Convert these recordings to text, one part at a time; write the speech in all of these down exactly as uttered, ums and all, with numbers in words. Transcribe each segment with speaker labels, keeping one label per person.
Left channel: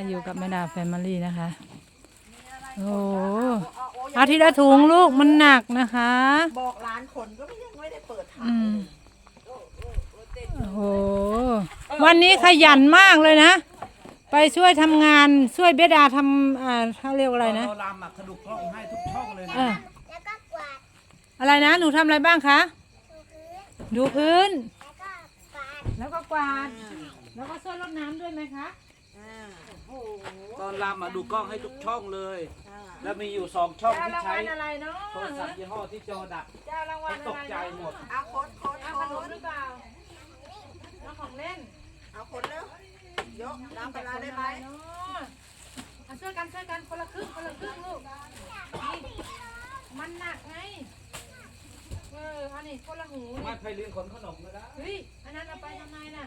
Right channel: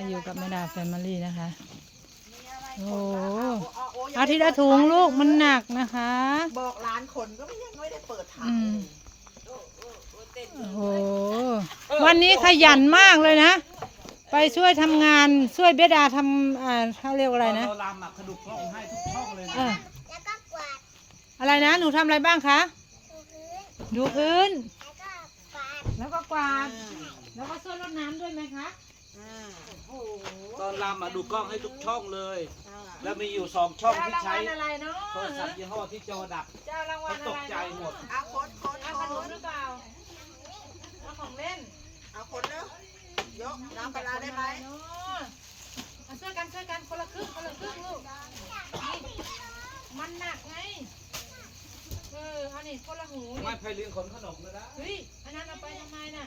Speaker 1: อยู่กับแม่ดาแฟมิลี่นะคะโอ้เอาทีละถุงลูกมันหนักนะคะ
Speaker 2: บอกร้านคนก็ยังไม่ได้เปิดทาง
Speaker 1: โอ้โหวันนี้ขยันมากเลยนะไปช่วยทำงานช่วยเบดาทำอ่าเขาเรียกว่าอะไรนะ
Speaker 3: เราลำอ่ะกระดูกช่องให้ทุกช่องเลยนะ
Speaker 4: แล้วก็กวาด
Speaker 1: อะไรนะหนูทำอะไรบ้างคะดูพื้น
Speaker 4: แล้วก็
Speaker 1: กวาดแล้วก็ช่วยรดน้ำด้วยไหมคะ
Speaker 3: ตอนลำอ่ะดูกล้องให้ทุกช่องเลยแล้วมีอยู่สองช่องที่ใช้โทรศัพท์ยี่ห้อที่จอดับเขาตกใจหมด
Speaker 2: เอาคนคน
Speaker 1: เอาขนมหรือเปล่าเอาของเล่น
Speaker 2: เอาคนแล้วยกน้ำปลาได้ไหม
Speaker 1: เอาช่วยกันช่วยกันคนละครึ่งคนละครึ่งลูกมันหนักไงเอออันนี้คนละหู
Speaker 3: ไม่เคยลืมขนขนมเลยนะ
Speaker 1: เฮ้ยอันนั้นเอาไปทำไมน่ะ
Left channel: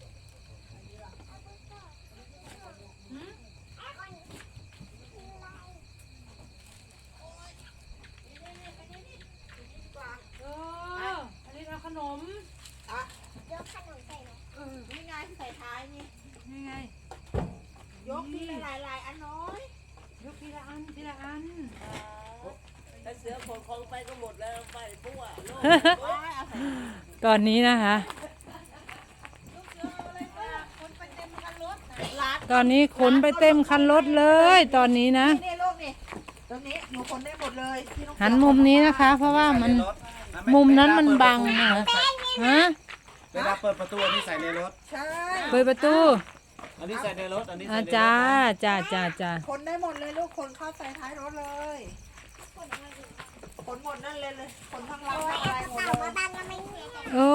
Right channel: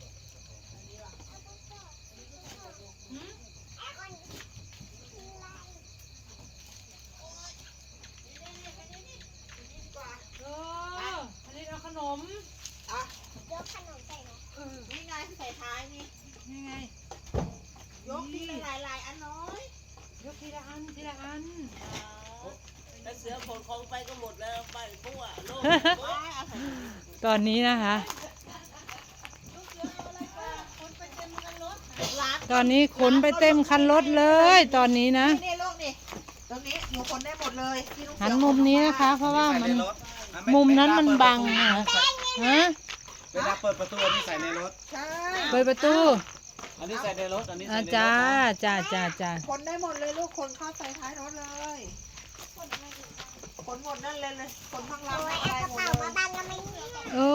Speaker 1: หืมเอออันนี้เอาขนม
Speaker 2: อ่ะ
Speaker 4: ยกขนมใส่
Speaker 2: เออนี่ไงใส่ท้ายนี่
Speaker 1: นี่ไง
Speaker 2: ยกทีละหลายหลายอันน้อย
Speaker 1: ยกทีละอันทีละอัน
Speaker 5: ไปเสือผลของไปก็หมดแล้วไปปุ๊บอ่ะโลก
Speaker 1: ตอนนี้นะคะตอนนี้ขนไปเต็มคันรถเลยตอนนี้นะ
Speaker 2: นี่โลกนี่ตรงนี้หนูขนได้หมดเลย
Speaker 1: หันมุมนี้นะคะเพราะว่ามันมุมนั้นมันบังนะคะฮะ
Speaker 3: เวลาเปิดประตูอันนี้ใส่ในรถ
Speaker 2: ใช่
Speaker 1: เปิดประตู
Speaker 3: อันนี้ใส่ในรถอันนี้ใส่ในรถ
Speaker 1: จ้าจ้าจ้าจ้า
Speaker 2: ขนได้หมดเลยลูกขนเข้าใส่ท้ายรถเลยขนหมดนั่นเลยเลยขนทั้งลำ
Speaker 4: เอากระเป๋ามาบังแล้วไม่มี
Speaker 1: โอ้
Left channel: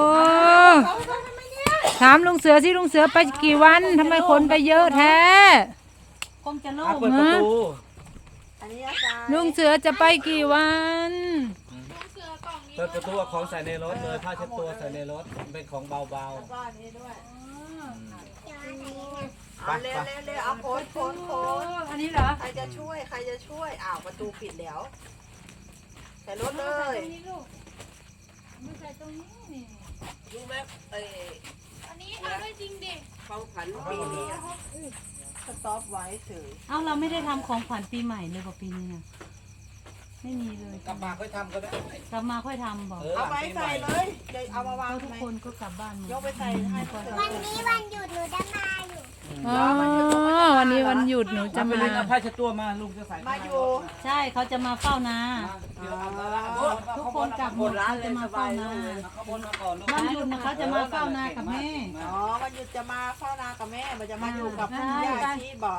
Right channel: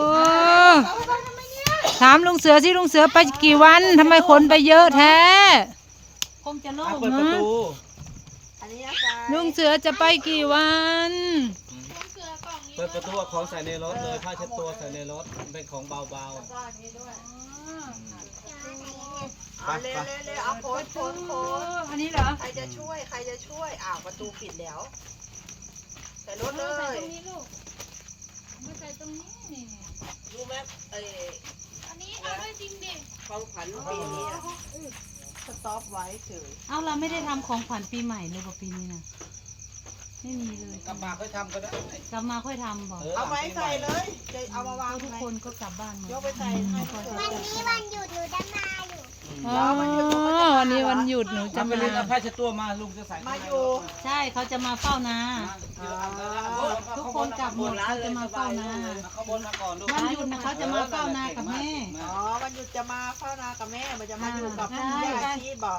Speaker 1: ถามลุงเสือสิลุงเสือไปกี่วันทำไมขนไปเยอะแท้
Speaker 2: คงจะโล่ง
Speaker 3: เปิดประตู
Speaker 1: ลุงเสือจะไปกี่วัน
Speaker 3: เปิดประตูของใส่ในรถเลยผ้าเช็ดตัวใส่ในรถเป็นของเบาๆไป
Speaker 2: เร็วเร็วเอาโค้ดโค้ดโค้ด
Speaker 1: อันนี้เหรอ
Speaker 2: ใครจะช่วยใครจะช่วยอ้าวประตูปิดแล้วแต่รถเลย
Speaker 1: ตรงนี้ลูกดูใส่ตรงนี้นี่
Speaker 5: รู้ไหมเออ
Speaker 4: อันนี้เอาได้จริงดิ
Speaker 5: ของขวัญปีนี้
Speaker 2: สต็อปไว้เฉย
Speaker 1: เอาเราไม่ได้ทำของขวัญปีใหม่เลยป่ะปีนี้นะไม่มีเลย
Speaker 3: กลับมาค่อยทำก็ได้
Speaker 1: กลับมาค่อยทำบอก
Speaker 2: เอาไม้ใส่เลยเอามาวาง
Speaker 1: ทุกคนก็กลับบ้านหมด
Speaker 2: ยกไปใส่ให้
Speaker 4: วันนี้วันหยุดหนูจะมาอยู่
Speaker 1: อ๋อวันนี้วันหยุดหนูจะ
Speaker 3: มาไปเล่นเอาผ้าเช็ดตัวมาลุงจะใส่
Speaker 2: มาอยู่
Speaker 1: ใช่เขาจะมาเฝ้านาทุกคนกลับหมดเขาจะมาเฝ้านาวันหยุดนะเขาจะมาเฝ้านากับแม่
Speaker 2: อ๋อวันหยุดจะมาเฝ้านากับแม่มันจะมาอยู่กับพ่อแม่ที่บ่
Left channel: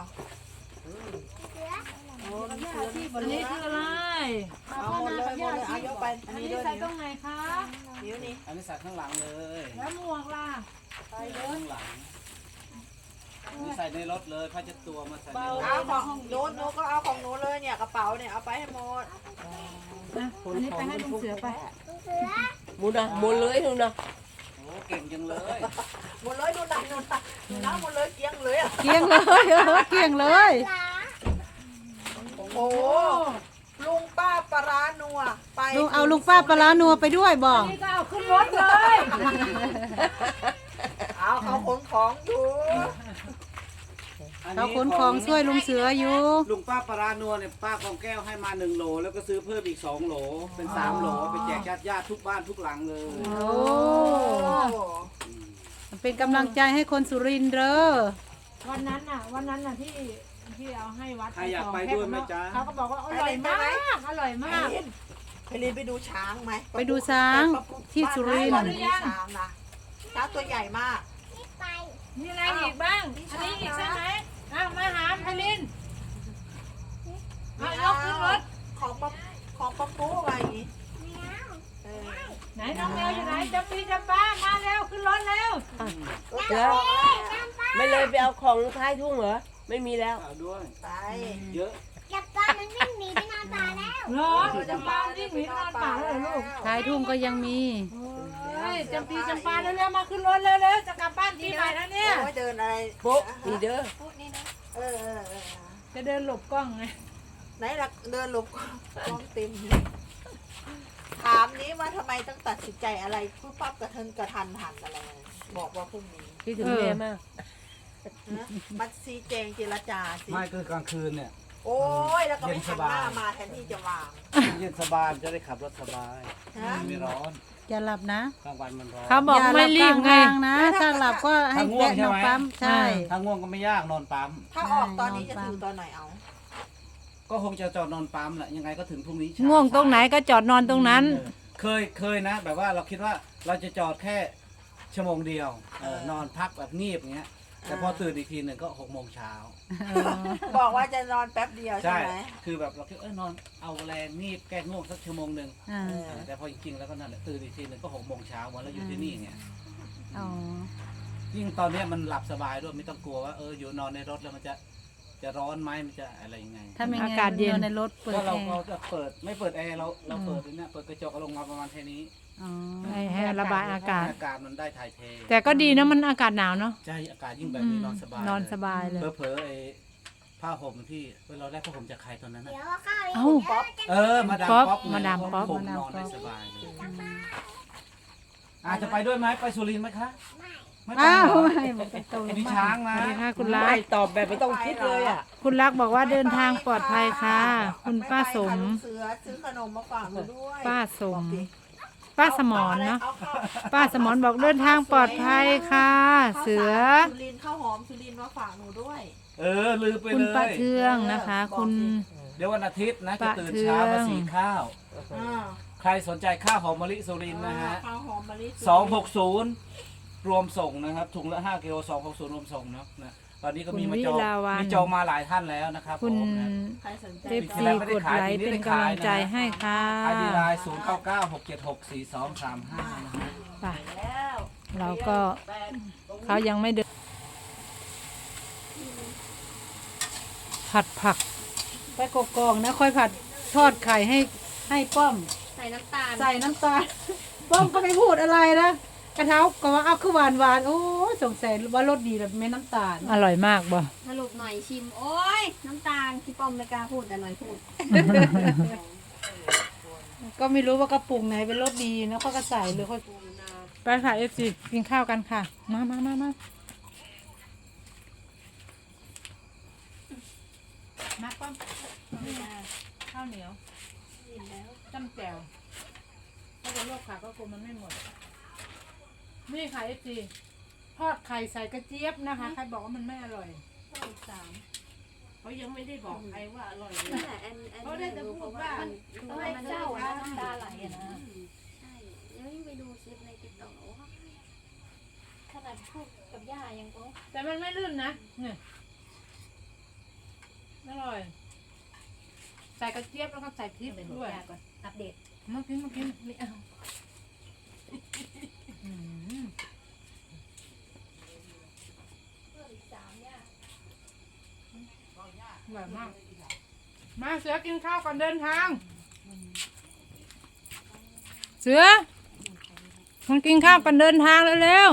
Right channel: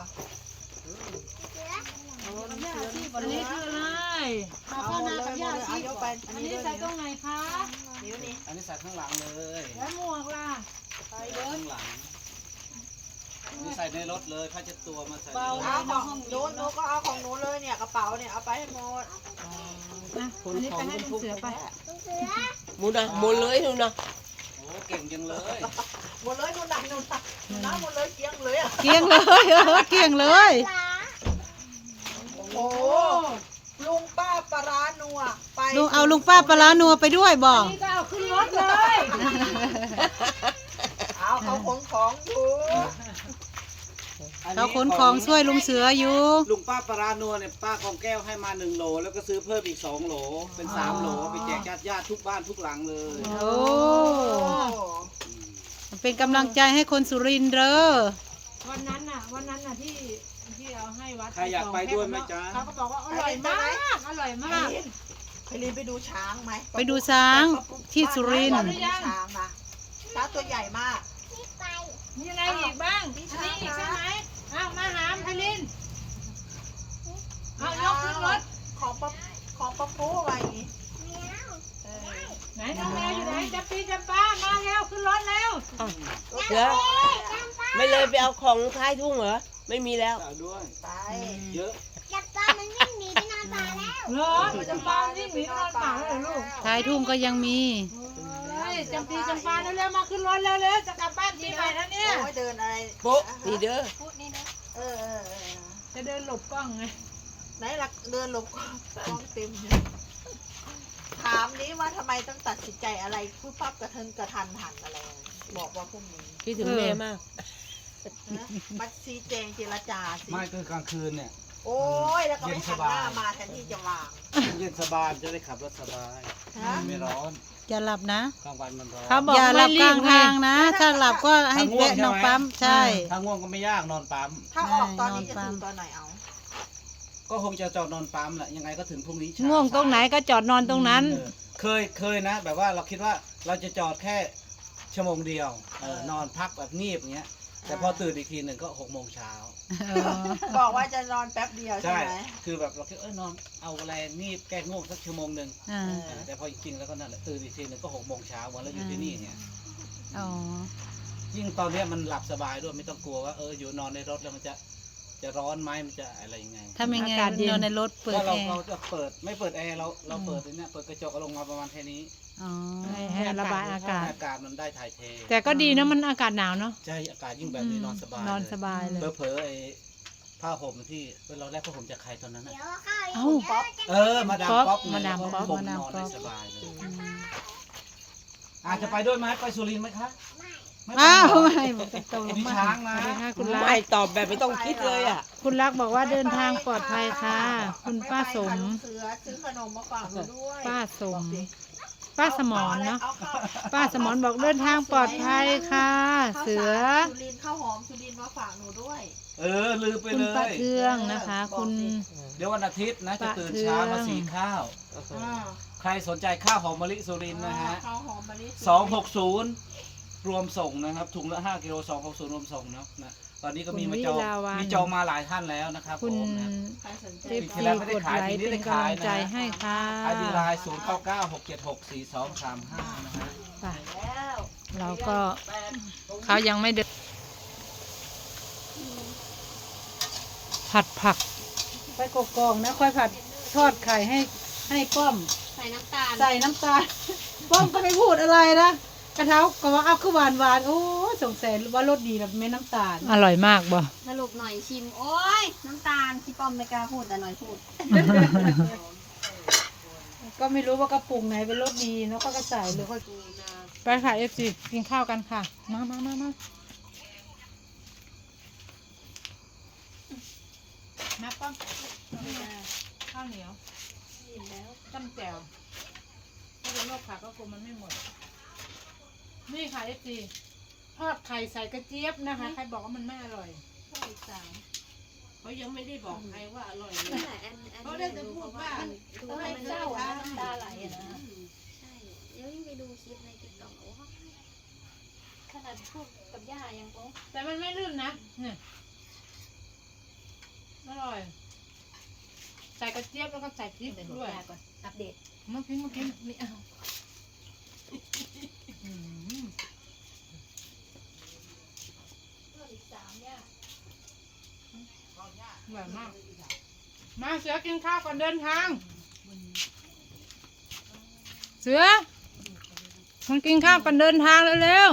Speaker 1: อันนี้คืออะไร
Speaker 2: เอาหมดเลยเอายกไป
Speaker 1: อันนี้ใส่ตรงไหนคะ
Speaker 3: นิ้วนี้อันนี้ใส่ข้างหลังเลย
Speaker 1: แล้วหมวกล่ะ
Speaker 3: ใส่ข้างหลังนี่ใส่ในรถเลยผ้าเช็ดตัวมาใส่ในรถ
Speaker 2: เอาของหนูหนูก็เอาของหนูเลยเนี่ยกระเป๋าเนี่ยเอาไปให้หมด
Speaker 1: นะอันนี้ไปให้ลุงเสือไป
Speaker 5: มุนอ่ะมุนเลยดูนะ
Speaker 3: โอ้เก่งจังเลย
Speaker 2: หมดเลยดูหนักดูหนักน้ำหมดเลยเกี้ยงเลยอ่ะ
Speaker 1: เกี้ยงเลยเออเกี้ยงเลย
Speaker 2: โอ้ลุงป้าปลานัวไป
Speaker 1: ลุงเอาลุงป้าปลานัวไปด้วยบอก
Speaker 2: นี่ก็เอาขึ้นรถเลยเอาเขาขนของอยู่
Speaker 1: เขาขนของช่วยลุงเสืออยู่
Speaker 3: ลุงป้าปลานัวเนี่ยป้ากองแก้วให้มาหนึ่งโหลแล้วก็ซื้อเพิ่มอีกสองโหลเป็นสามโหลไปแจกญาติญาติทุกบ้านทุกหลังเลย
Speaker 1: โอ้เป็นกำลังใจให้คนสุรินทร์เด้อวันนั้นน่ะวันนั้นน่ะที่ที่เอาให้วัด
Speaker 3: ใครอยากไปด้วยไหมจ๊ะ
Speaker 1: เขาก็บอกว่าอร่อยมากอร่อยมาก
Speaker 2: เคยเรียนไปดูช้างไหม
Speaker 1: ไปดูช้างที่สุรินทร์
Speaker 2: ช้างนะช้างตัวใหญ่มาก
Speaker 1: มีอะไรอีกบ้างอันนี้อีกใช่ไหมอ้าวมาหามพลินเอายกขึ้นรถ
Speaker 2: ของปะของปะปูอะไรอย่างนี้
Speaker 1: ไหนน้องแมวอยู่ไหนจับปีจับป้ามาแล้วขึ้นรถแล้ว
Speaker 5: เสือไม่เลยไปเอาของท้ายทุ่งเหรอไม่มีแล้ว
Speaker 3: ด้วยเยอะ
Speaker 4: จับปลามันวิ่งหนีไปนอนป่าแล้ว
Speaker 1: เหรอจับปลาวิ่งหนีไปนอนป่าแล้วเหรอลูกท้ายทุ่งก็ยังมีจำปีจำปาเร็วๆมาขึ้นรถเร็วๆจะกลับบ้านทีใหม่แล้วเนี่ย
Speaker 2: เดินอะไร
Speaker 5: ปุ๊บนี่เด้อ
Speaker 2: เออ
Speaker 1: จะเดินหลบกล้องไง
Speaker 2: ไหนล่ะเดินหลบกล้องเต็มถามนี้ว่าทำไมต้องตัดสินใจอะไรพูดปั๊บกระเทินกระทันหันอะไรบอกว่าพรุ่งนี้
Speaker 5: คิดถึงแม่มาก
Speaker 2: บัตรซีแจงเจรจาสิ
Speaker 3: ไม่คือกลางคืนเนี่ย
Speaker 2: โอ้ยแล้วก็
Speaker 3: เย็
Speaker 2: ไม่
Speaker 3: นส
Speaker 2: หันห
Speaker 3: บาย
Speaker 2: น้ามาแทนที่จะวาง
Speaker 3: เย็นสบายจะได้ขับรถสบาย
Speaker 2: ฮะ
Speaker 3: ไม่ร้อน
Speaker 5: อย่าหลับนะ
Speaker 3: กลางวันมันร้อน
Speaker 1: เขาบอก
Speaker 5: อย่าห
Speaker 1: ไม่
Speaker 5: ลับก
Speaker 1: รี
Speaker 5: ลา
Speaker 1: บ
Speaker 5: ง
Speaker 1: ไง
Speaker 5: ทางนะ ถ้าหลับก็ให้
Speaker 3: ถ้าง่วง
Speaker 5: แวะ
Speaker 3: ใช่
Speaker 5: นอ
Speaker 3: ไหม
Speaker 5: นปั๊มใช่
Speaker 3: ถ้าง่วงก็ไม่ยากนอนปั๊ม
Speaker 2: ถ้าออกตอนนี้
Speaker 5: ใช่
Speaker 2: จะถึงตอนไหนเอา
Speaker 3: ก็คงจะจอดนอนปั๊มแหละยังไงก็ถึงพรุ่งนี้เช้า
Speaker 1: ง่วงตรงไหนก็จอดนอนตรงนั้น
Speaker 3: เออเคยเคยนะ แบบว่าเราคิดว่าเราจะจอดแค่ชั่วโมงเดียวเออนอนพักแบบงีบอย่างเงี้ย แต่พอตื่นอีกทีหนึ่งก็หกโมงเช้า
Speaker 2: บอกว่าจะนอนแป๊บเดียวใช่
Speaker 3: ใช่
Speaker 2: ไหม
Speaker 3: คือแบบเราคิดเอ้ยนอนเอาแรงงีบแก้ง่วงสักชั่วโมงหนึ่ง
Speaker 5: อ่า
Speaker 3: เออแต่พอจริงๆแล้วก็นั่นแหละตื่นอีกทีหนึ่งก็หกโมงเช้าวันแล้วอยู่ที่นี่เนี่ย
Speaker 5: อ๋อ
Speaker 3: ยิ่งตอนเนี้ยมันหลับสบายด้วยไม่ต้องกลัวว่าเอออยู่นอนในรถแล้วมันจะจะร้อนไหมมันจะอะไรยังไง
Speaker 5: ถ้าไม่งั้น
Speaker 1: อากาศเย็น
Speaker 5: นอนในรถเปิด
Speaker 3: ก็
Speaker 5: แอ
Speaker 3: เรา
Speaker 5: ร์
Speaker 3: เราจะเปิดไม่เปิดแอร์เราเราเปิดเนี่ยเปิดกระจกเอาลงมาประมาณแค่นี้
Speaker 5: อ๋อ
Speaker 1: ให้ให้ระบายอากาศ
Speaker 3: อากาศมันได้ถ่ายเท
Speaker 1: แต่ก็ดีนะมันอากาศหนาวเนาะ
Speaker 3: ใช่อากาศยิ่งแบบนี้นอนสบาย
Speaker 1: นอนสบายเลย
Speaker 3: เผลอๆไอ้ผ้าห่มที่เวลาแรกผ้าห่มจากใครตอนนั้นน่ะ
Speaker 4: เดี๋ยวเอาข้าว
Speaker 1: เอ้า
Speaker 4: อีกแล้วจะ
Speaker 3: เออมาดาม
Speaker 1: ป๊อป
Speaker 3: ป๊อปไง
Speaker 1: มาดาม
Speaker 3: แล้ว
Speaker 1: ป๊อป
Speaker 3: ก็ผมนอนได้สบายเลยอาจจะไปด้วยไหมไปสุรินทร์ไหมคะไม่ไป
Speaker 5: อ้าว
Speaker 3: เหรอ
Speaker 5: ไม่บอกกันตรง
Speaker 3: มีช้างนะ
Speaker 1: สวัสดีค่ะคุณรั
Speaker 5: ไม่
Speaker 1: ก
Speaker 5: ตอบแบบไม่ต้องคิดเลยอ่ะ
Speaker 1: คุณรักบอกว่าเดินทางปลอดภัยค่ะ คุณป้าสม
Speaker 2: ไไปค่ะลุงเสือซื้อขนมมาฝากหนูด้วย
Speaker 1: ป้าสม
Speaker 2: บอกสิ
Speaker 1: ป้าสมอนเนาะ
Speaker 2: อข้าว
Speaker 1: ป้าสมอนบอกเดินทางปลอดภัยค่ะ เสือ
Speaker 2: ข้าวสารสุรินทร์ข้าวหอมสุรินทร์มาฝากหนูด้วย
Speaker 3: เออลืมไป
Speaker 1: คุณ
Speaker 3: เล
Speaker 1: ป้าย เทืองนะคะ คุณ
Speaker 3: เดี๋ยววันอาทิตย์นะจะ
Speaker 1: ป้า
Speaker 3: ตื่น
Speaker 1: เทือง
Speaker 3: เช้ามาสีข้าว
Speaker 2: อ่า
Speaker 3: ใครสนใจข้าวหอมมะลิสุรินทร์นะฮะ
Speaker 2: ข้าวหอมมะลิ
Speaker 3: สองหกศูนย์รวมส่งนะครับถุงละห้ากิโลสองหกศูนย์รวมส่งเนาะนะตอนนี้ก็มีมาจอง
Speaker 1: คุณวิลาวัน
Speaker 3: มีจองมาหลายท่านแล้วนะครับ
Speaker 1: คุณ
Speaker 3: ผมนะ
Speaker 2: ใครสนใจ
Speaker 1: เอฟซีกดไลค์เป็นกำลังใจให้ค่ะ
Speaker 3: ไอดีไลน์ศูนย์เก้าเก้าหกเจ็ดหกสี่สองสามห้านะฮะ
Speaker 1: ไปเราก็เขายังไม่เดินผัดผัก
Speaker 5: ไปกกองนะค่อยผัดทอดไข่ให้ให้ป้อม
Speaker 4: ใส่น้ำตาล
Speaker 5: ใส่น้ำตาล ป้อมก็ไม่พูดอะไรนะกระเท้าก็ว่าเอาคือหวานหวานๆโอ้ยสงสัยว่ารสดีแบบไม่น้ำตาล
Speaker 1: อร่อยมากบ่
Speaker 4: สรุปหน่อยชิม โอ้ย น้ำตาลพี่ป้อมไม่กล้าพูดแต่หน่อยพูด
Speaker 5: ก็ไม่รู้ว่ากระปุกไหนเป็นรสดีแล้วก็กระใส่หรือเขา
Speaker 1: ไปค่ะเอฟซีกินข้าวกันค่ะ มามามามามาป้อมข้าวเหนียวจ้ำแจ่วถ้าเป็นโรคขาก็คงมันไม่หมด นี่ค่ะเอฟซีทอดไข่ใส่กระเจี๊ยบนะคะ ใครบอกว่ามันไม่อร่อย
Speaker 4: สาม
Speaker 5: เขายังไม่ได้บอกใครว่าอร่อย
Speaker 4: นั่นแหละแอนแอนไม่รู้เพราะว่ามันดูแล้วมันเศร้าอะน้ำตาไหลอะนะ ใช่ แล้วยิ่งไปดูคลิปในติ๊กต็อกโอ้ยขนาดพูดกับย่ายังโอ้
Speaker 1: แต่มันไม่ลื่นนะเนี่ยอร่อย ใส่กระเจี๊ยบแล้วก็ใส่พริกด้วย
Speaker 4: ก่อน อัปเดต
Speaker 1: เมื่อกี้เมื่อกี้ไม่เอาอืมอร่อยมาก มาเสือกินข้าวก่อนเดินทาง เสือมากินข้าวก่อนเดินทางเร็ว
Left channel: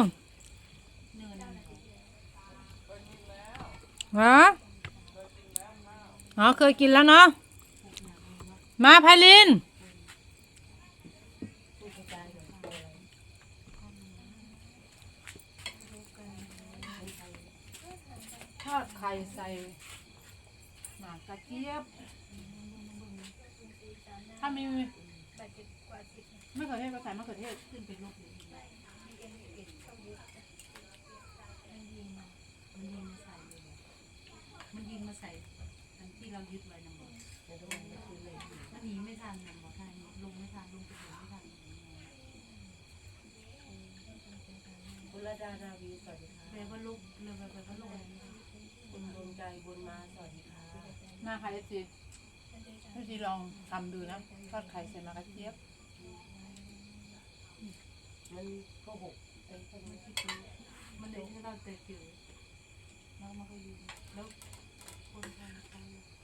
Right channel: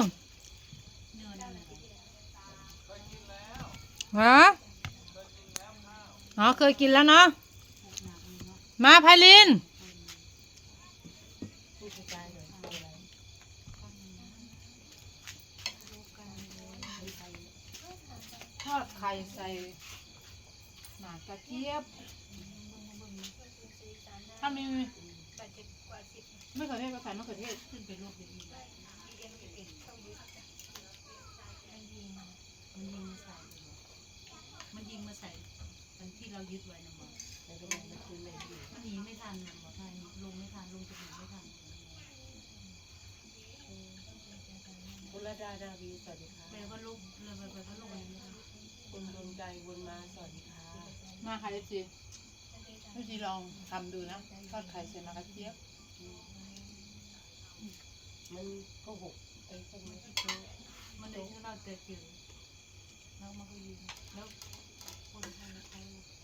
Speaker 1: ๆฮะอ๋อเคยกินแล้วเนาะ มาไพลิน ทอดไข่ใส่หมากกระเจี๊ยบ ถ้ามีไม่เขือเทศก็ใส่มะเขือเทศขึ้นเป็นลูกมันยิงมาใส่ทั้งที่เรายึดไว้นะหมดมันหนีไม่ทันนะหมดทันลงไม่ทันลงจะหนีไม่ทัน
Speaker 5: บุรดาดาวีสวัสดีค่ะ
Speaker 1: แปลว่าลูกเรือแปลว่าลง
Speaker 5: คุณดวงใจบุญมาสวัสดีค่ะ
Speaker 1: มาค่ะเอฟซีเอฟซีลองทำดูนะทอดไข่ใส่หมากกระเจี๊ยบ
Speaker 5: มันก็หกไอ้พวกนี้ที่ซื้อ
Speaker 1: มันเลยให้เราเจอจิ๋วแล้วมันก็ยืนแล้วคนทำใคร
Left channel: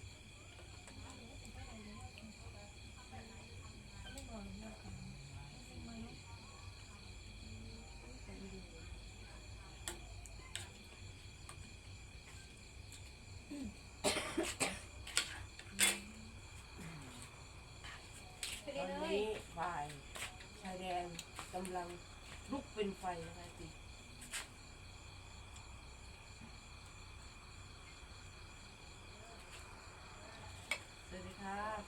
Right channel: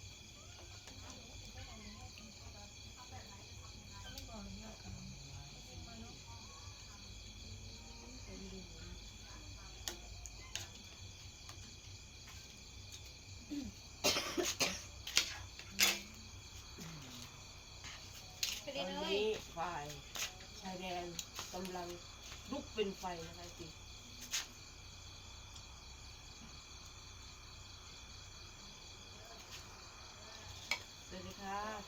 Speaker 5: ตอนนี้ฝ่ายชายแดนกำลังลุกเป็นไฟนะคะสิ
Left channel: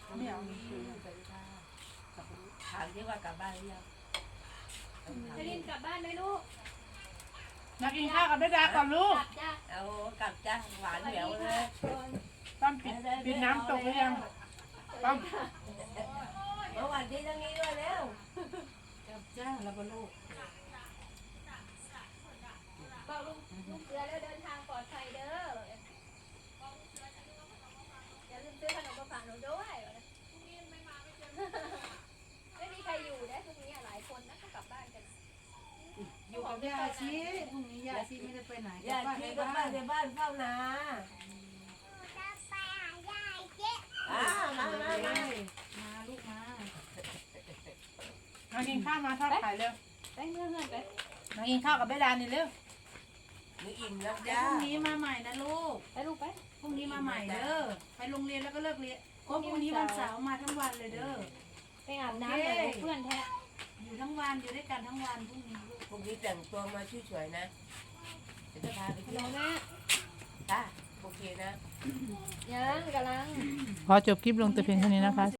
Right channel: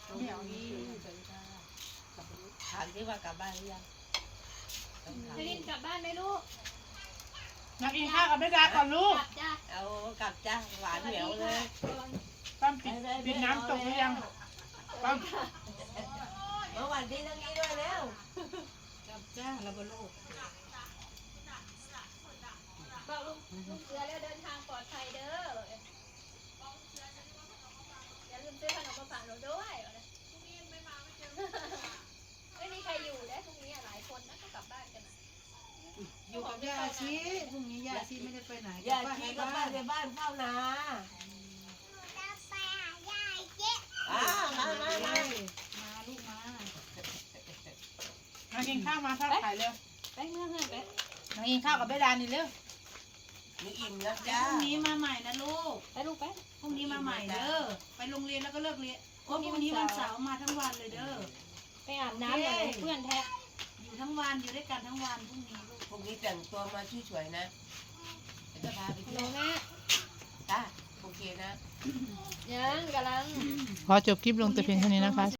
Speaker 1: ไม่เอานี่
Speaker 2: ถามที่ว่ากลับบ้านหรือยัง
Speaker 4: ไปลินกลับบ้านไหมลูก
Speaker 1: มากินข้าวกับแม่ดาก่อนลูก
Speaker 4: กลับจ้า
Speaker 2: เอากลับจ้าหวานเหนียวเลย
Speaker 1: ป้อมปิดปิดน้ำตกหรือยังป้อม
Speaker 2: เมื่อวันที่ทั้งนี้ด้วยเร็ว
Speaker 5: กับจ้าแล้วก็ลูก
Speaker 4: บอกลุงลุงเสือแล้วเดินทางปลอดภัยเด้ออย่าลืมซื้อขนมมาฝากหนูด้วยไม่มีใครอยู่ได้พรุ่งนี้หลายคนนะก็กลับบ้านกัน
Speaker 5: อยู่กับย่าชีพรุ่งนี้ย่าชีไม่ได้ไปไหน
Speaker 2: อย่าขี้กับบ้านในบ้านเฝ้านาอ่ามามามา
Speaker 5: มาลูกมา
Speaker 1: มากินข้าวมาทอดไข่เร็ว
Speaker 4: ไปเมื่อเพื่อนไป
Speaker 1: มากินข้าวกับแม่ดานี่เร็ว
Speaker 2: หนูอิ่มแล้วจ้า
Speaker 5: พรุ่งนี้มาใหม่นะลูก
Speaker 4: ไปลูกไป
Speaker 5: พรุ่งนี้มาใหม่เด้อไปโรงเรียนแล้วก็เลิกเรียนเพราะพรุ่งนี้วันเสาร์มาทั้งวันเลยเด้อ
Speaker 4: ไปอาบน้ำกับเพื่อนแท้
Speaker 5: อยู่ทั้งวันอยู่ด้วยกันทั้งวันพรุ่งนี้ลูก
Speaker 2: พรุ่งนี้แต่งตัวมาสวยๆนะเดี๋ยวจะพาไปเที่ยว
Speaker 4: แม่
Speaker 2: จ้าโอเคนะ
Speaker 4: ยังกำลัง
Speaker 1: ขอจบคลิปลงแต่เพียงเท่านี้นะคะ